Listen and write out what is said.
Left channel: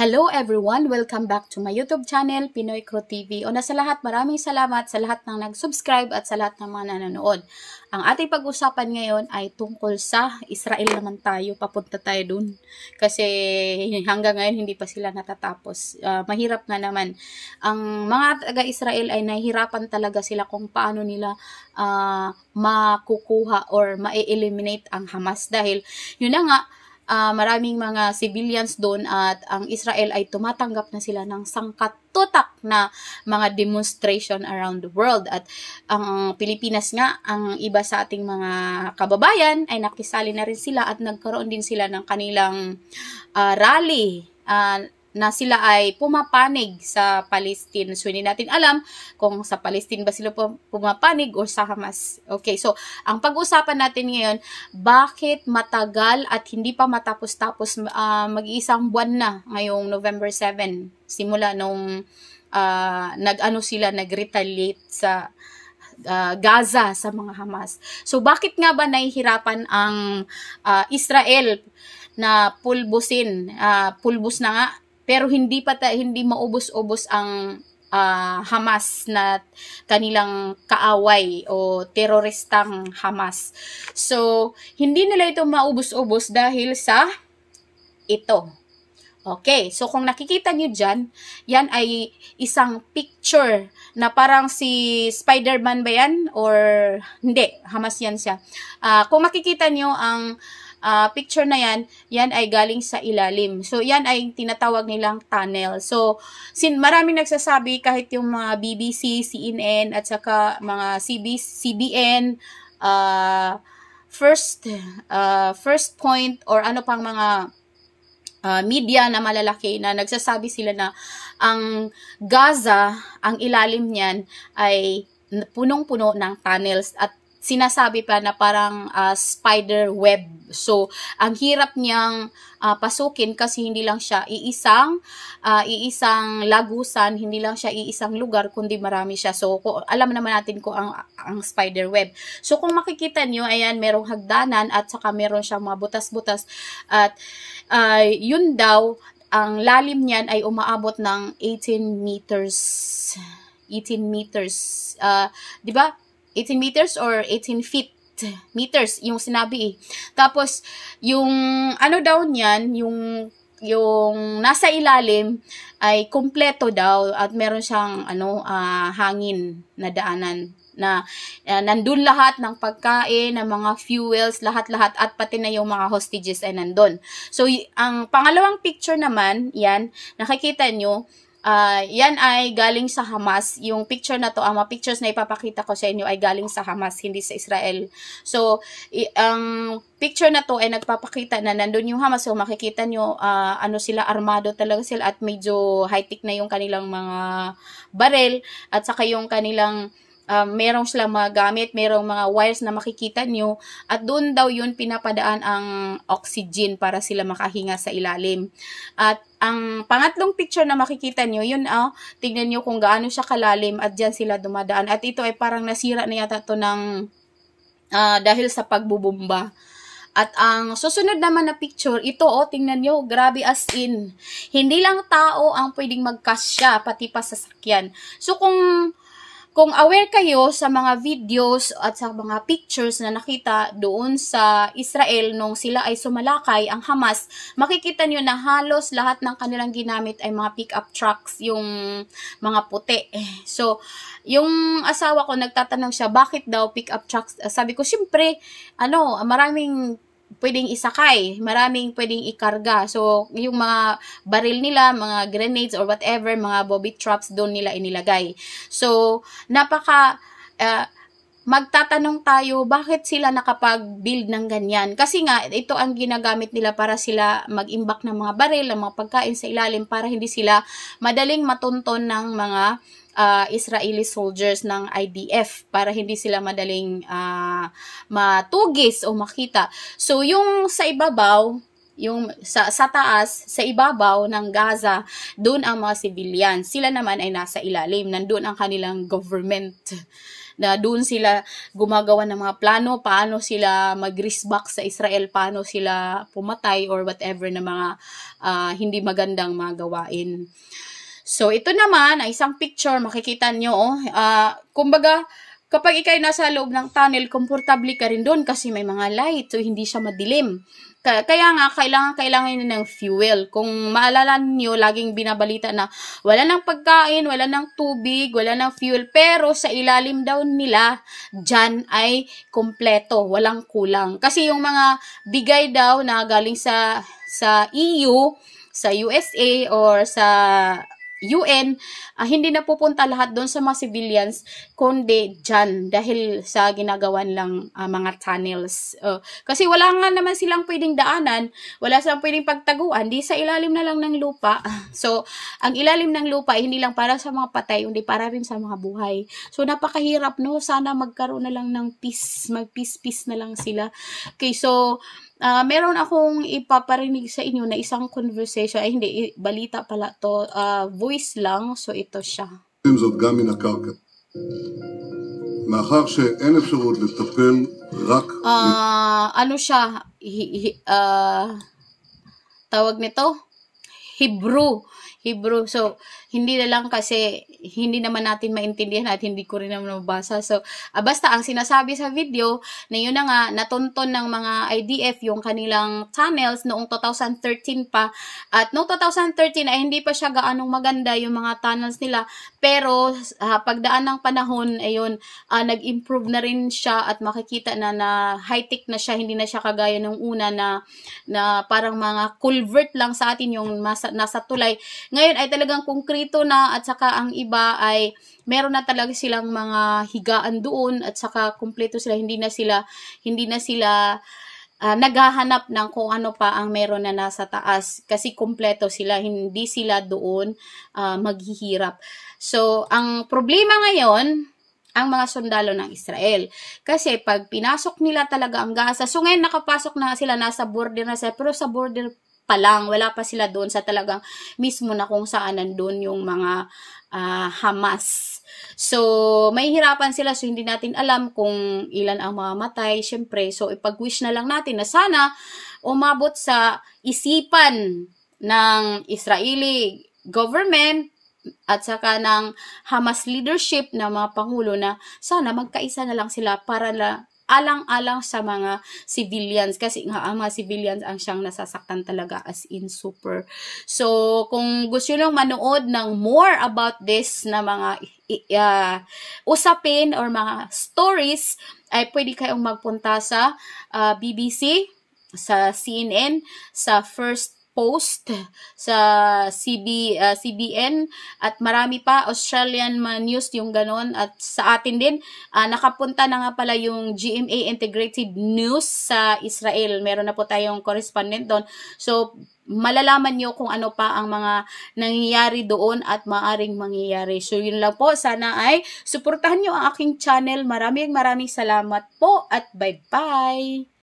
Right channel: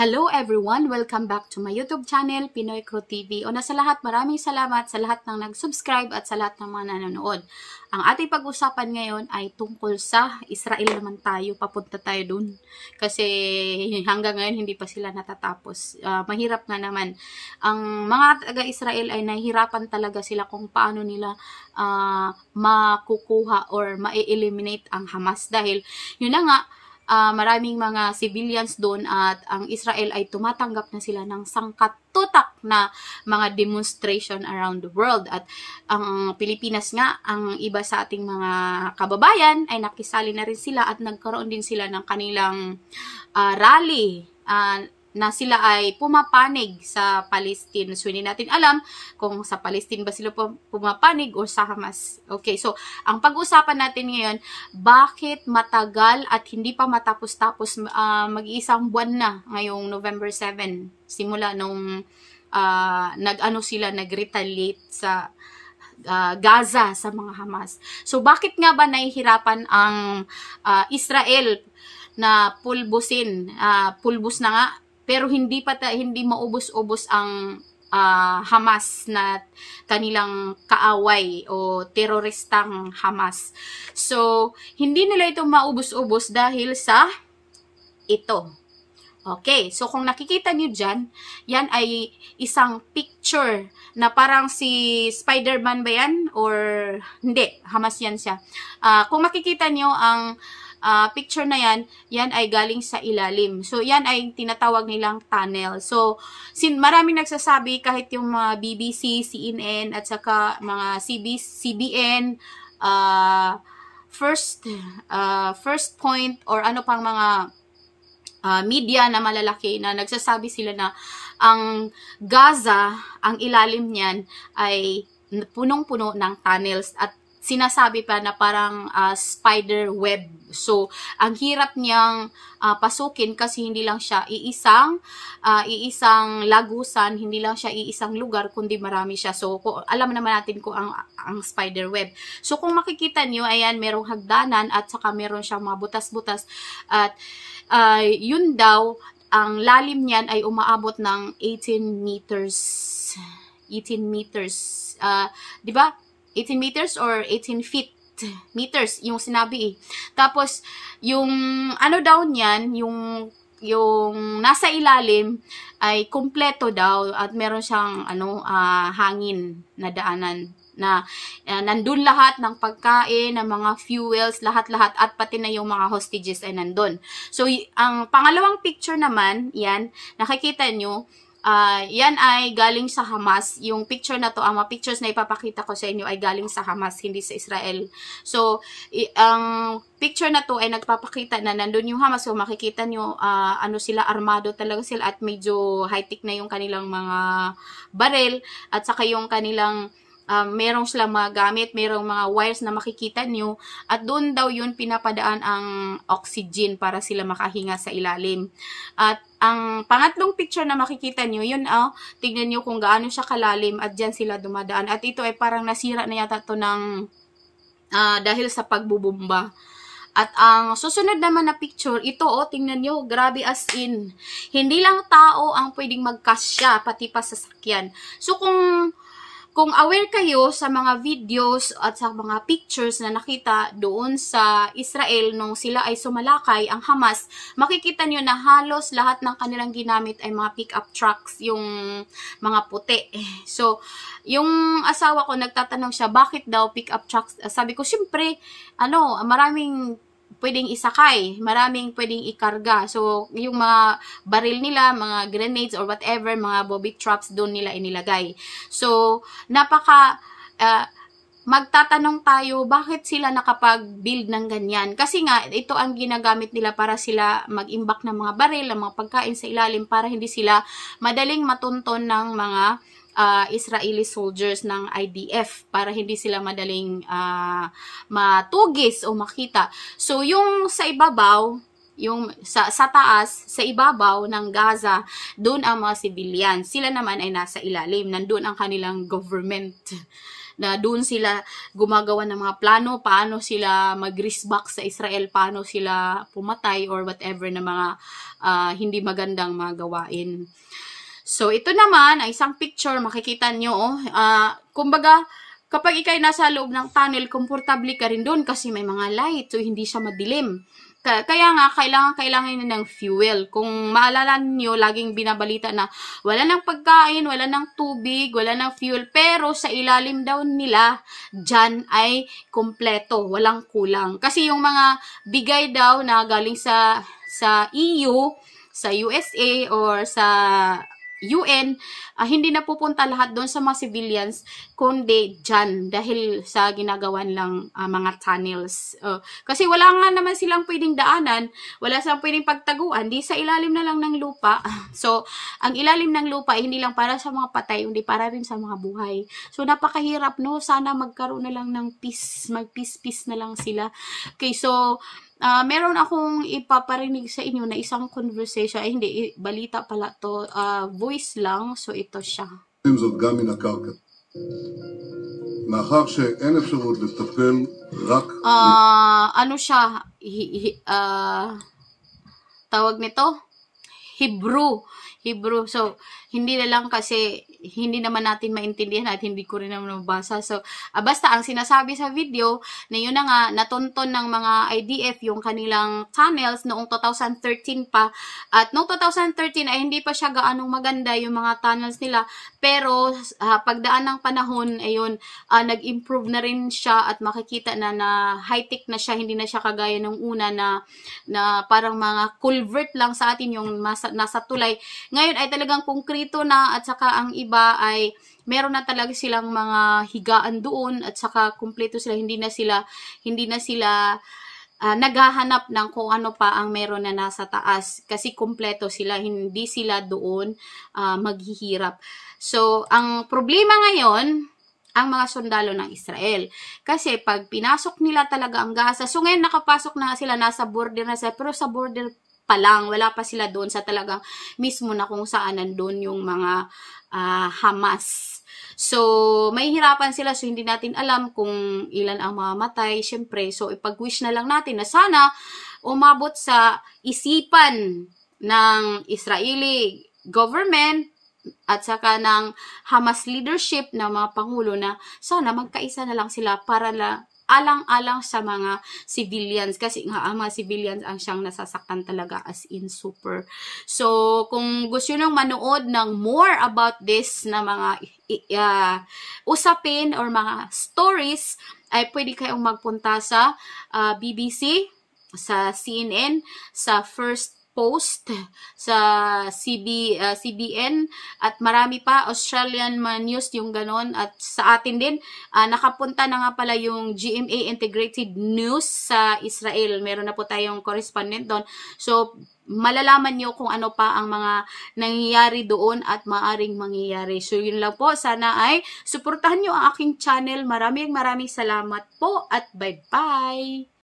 Hello everyone! Welcome back to my YouTube channel, Pinoy Crew TV. Una sa lahat, maraming salamat sa lahat ng nag-subscribe at sa lahat ng mga nanonood. Ang ating pag-usapan ngayon ay tungkol sa Israel naman tayo. Papunta tayo dun. Kasi hanggang ngayon hindi pa sila natatapos. Mahirap nga naman. Ang mga taga-Israel ay nahihirapan talaga sila kung paano nila makukuha or ma-eliminate ang Hamas. Dahil yun na nga, maraming mga civilians doon at ang Israel ay tumatanggap na sila ng sangkatutak na mga demonstration around the world. At ang Pilipinas nga, ang iba sa ating mga kababayan ay nakisali na rin sila at nagkaroon din sila ng kanilang rally na sila ay pumapanig sa Palestine. So, hindi natin alam kung sa Palestine ba sila pumapanig o sa Hamas. Okay, so, ang pag-usapan natin ngayon, bakit matagal at hindi pa matapos-tapos mag-iisang buwan na ngayong November 7, simula nung nag-retaliate sa Gaza sa mga Hamas. So, bakit nga ba nahihirapan ang Israel na pulbus na nga, pero hindi maubos-ubos ang Hamas na kanilang kaaway o teroristang Hamas. So, hindi nila ito maubos-ubos dahil sa ito. Okay, so kung nakikita nyo dyan, yan ay isang picture na parang si Spider-Man ba yan? Or hindi, Hamas yan siya. Kung makikita nyo ang picture na yan ay galing sa ilalim. So, yan ay tinatawag nilang tunnel. So, maraming nagsasabi, kahit yung mga BBC, CNN, at saka mga CBN, first point, or ano pang mga media na malalaki na nagsasabi sila na ang Gaza, ang ilalim niyan ay punong-puno ng tunnels at sinasabi pa na parang spider web. So, ang hirap niyang pasukin kasi hindi lang siya iisang lagusan, hindi lang siya iisang lugar, kundi marami siya. So, alam naman natin kung ang spider web. So, kung makikita niyo, ayan, merong hagdanan at saka meron siyang mga butas-butas. At yun daw, ang lalim niyan ay umaabot ng 18 meters. 18 meters. Di ba? 18 meters or 18 feet meters yung sinabi eh. Tapos yung ano daw niyan, yung nasa ilalim ay kumpleto daw at meron siyang hangin na daanan na nandun lahat ng pagkain, ng mga fuels, lahat-lahat at pati na yung mga hostages ay nandun. So ang pangalawang picture naman, yan, nakikita nyo, yan ay galing sa Hamas. Yung picture na to, ang mga pictures na ipapakita ko sa inyo ay galing sa Hamas, hindi sa Israel. So, ang picture na to ay nagpapakita na nandun yung Hamas. So, makikita nyo, sila, armado talaga sila at medyo high-tech na yung kanilang mga barel at saka yung kanilang merong silang mga gamit, merong mga wires na makikita nyo at doon daw yun pinapadaan ang oxygen para sila makahinga sa ilalim. At ang pangatlong picture na makikita nyo, yun tignan nyo kung gaano siya kalalim at dyan sila dumadaan. At ito ay parang nasira na yata to ng dahil sa pagbubomba. At ang susunod naman na picture, ito tingnan nyo, grabe as in. Hindi lang tao ang pwedeng magkasya, pati pa sasakyan. So kung aware kayo sa mga videos at sa mga pictures na nakita doon sa Israel nung sila ay sumalakay, ang Hamas, makikita nyo na halos lahat ng kanilang ginamit ay mga pick-up trucks, yung mga puti. So, yung asawa ko nagtatanong siya, bakit daw pick-up trucks? Sabi ko, syempre, maraming pwedeng isakay, maraming pwedeng ikarga. So, yung mga baril nila, mga grenades or whatever, mga bobby traps, doon nila inilagay. So, magtatanong tayo, bakit sila nakapag-build ng ganyan? Kasi nga, ito ang ginagamit nila para sila mag-imbak ng mga baril, ng mga pagkain sa ilalim, para hindi sila madaling matunton ng mga Israeli soldiers ng IDF, para hindi sila madaling matugis o makita. So, yung sa ibabaw, yung sa taas, sa ibabaw ng Gaza, doon ang mga civilians. Sila naman ay nasa ilalim. Nandun ang kanilang government na doon sila gumagawa ng mga plano, paano sila mag-risback sa Israel, paano sila pumatay or whatever na mga hindi magandang mga gawain. So, ito naman ay isang picture, makikita nyo, kumbaga, kapag ikay nasa loob ng tunnel, komportable ka rin doon kasi may mga light, so hindi siya madilim. Kaya nga, kailangan ng fuel. Kung maalala niyo, laging binabalita na wala ng pagkain, wala ng tubig, wala ng fuel, pero sa ilalim daw nila, dyan ay kompleto, walang kulang. Kasi yung mga bigay daw na galing sa EU, sa USA, or sa UN, hindi na pupunta lahat doon sa mga civilians, kundi dyan, dahil sa ginagawan lang mga tunnels. Kasi wala nga naman silang pwedeng daanan, wala silang pwedeng pagtaguan, di sa ilalim na lang ng lupa. So, ang ilalim ng lupa ay hindi lang para sa mga patay, hindi para rin sa mga buhay. So, napakahirap, no? Sana magkaroon na lang ng peace, mag-peace na lang sila. Okay, so, meron akong ipaparinig sa inyo na isang conversation, ay hindi, balita pala to, voice lang, so ito siya. זאת גם מן הקרקע. מאחר שאין אפשרות לטפל רק... ano siya, tawag nito? Hebrew. So, hindi na lang kasi, hindi naman natin maintindihan at hindi ko rin naman mabasa. So, basta ang sinasabi sa video, na yun na nga, natunton ng mga IDF yung kanilang tunnels noong 2013 pa. At noong 2013 ay hindi pa siya gaanong maganda yung mga tunnels nila. Pero, pagdaan ng panahon, ayun, nag-improve na rin siya at makikita na high-tech na siya, hindi na siya kagaya nung una na parang mga culvert lang sa atin yung nasa tulay. Ngayon ay talagang konkreto na at saka ang iba ay meron na talaga silang mga higaan doon at saka kumpleto sila, hindi na sila naghahanap ng kung ano pa ang meron na nasa taas kasi kumpleto sila, hindi sila doon maghihirap. So, ang problema ngayon, ang mga sundalo ng Israel. Kasi pag pinasok nila talaga ang Gaza, so ngayon nakapasok na sila, nasa border na sila, pero sa border pa lang, wala pa sila doon sa talagang mismo na kung saan nandun yung mga Hamas. So, may hirapan sila, so hindi natin alam kung ilan ang mamamatay, syempre. So, ipag-wish na lang natin na sana umabot sa isipan ng Israeli government at saka ng Hamas leadership na mga pangulo na sana magkaisa na lang sila para alang-alang sa mga civilians kasi nga ang mga civilians ang siyang nasasaktan talaga as in super. So, kung gusto nyo manood ng more about this na mga usapin or mga stories, ay pwede kayong magpunta sa BBC, sa CNN, sa First Post, sa CBN, at marami pa, Australian News, yung ganon, at sa atin din, nakapunta na nga pala yung GMA Integrated News sa Israel. Meron na po tayong correspondent doon. So, malalaman nyo kung ano pa ang mga nangyayari doon at maaring mangyayari. So, yun lang po. Sana ay suportahan nyo ang aking channel. Maraming salamat po at bye-bye!